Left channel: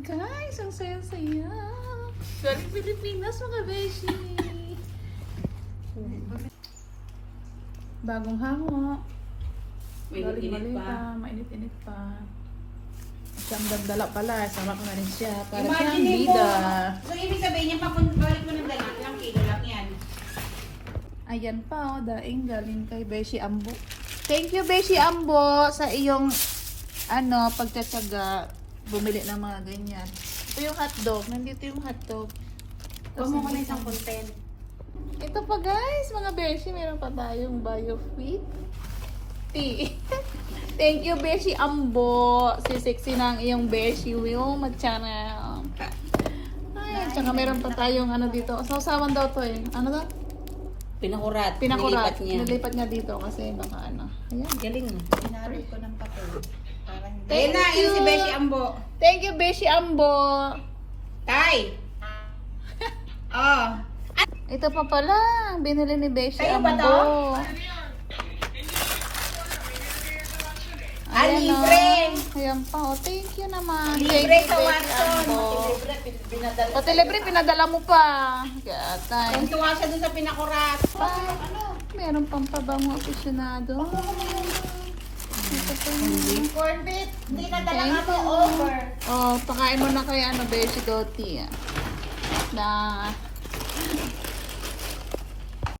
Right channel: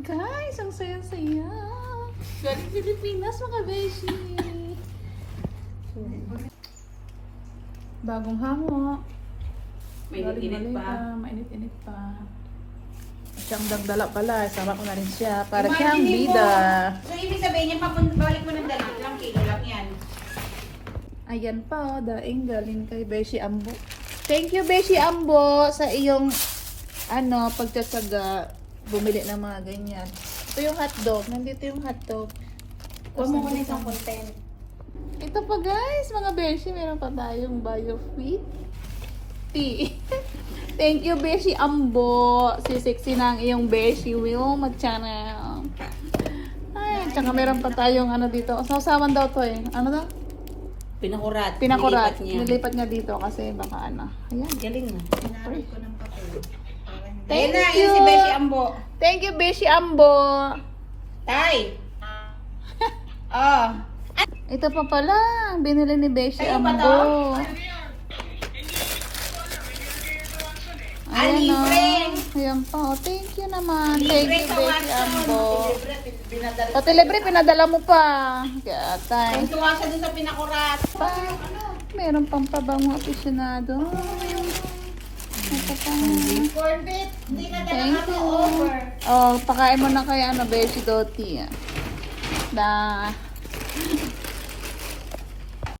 Guys, ang saya-saya. Galing Pilipinas, mga beshi. Bagong hango. Mainit-init pa. Mainit-init pa. Siyang dagdala pala. Sama ko na rin siya. Para siyang Imagine mo. bida. So, ibig sabihin niya, balik mo ng dala. Ilang kilo lang yan. Ayan pa, daing galing kay Beshi Ambo. Thank you, Beshi Ambo, sa iyong pagtsatsaga bumili ng mga ganyan. Ito yung hotdog. Nandito yung hotdog. Huwag mo ka na isang content. Ito pa guys, mga Beshi, meron pa tayong BioFit tea. Thank you, Beshi Ambo. Si sexy na ang iyong Beshi. Will mag-channel. Ay, tsaka meron pa tayong dito. Sasaman daw to eh. Ano daw? Pinakurat. Pinakurat. Nilipat niya. Nilipat niya dito kasi baka Ayan. Galing mo. Pinarit ko ng papel. Thank Ayun na, you. yun si Beshi Ambo. Thank you, Beshi Ambo. Tay! Oh. Ito pa pala, ang binili ni Beshi Kayo Ambo. ba to? Libre! Yan pa. Oh, thank you naman. Libre Thank sa you, Beshi Watson. Ambo. Binadala. Pati libre, pinadala mo pa. Kaya tayo. Kung tuwa siya dun sa pinakurat. Meron pang pabango aficionado. Corn beef. Hindi na dala Thank ka you. over. Oh, pakain mo na kaya Beshi Doti. Na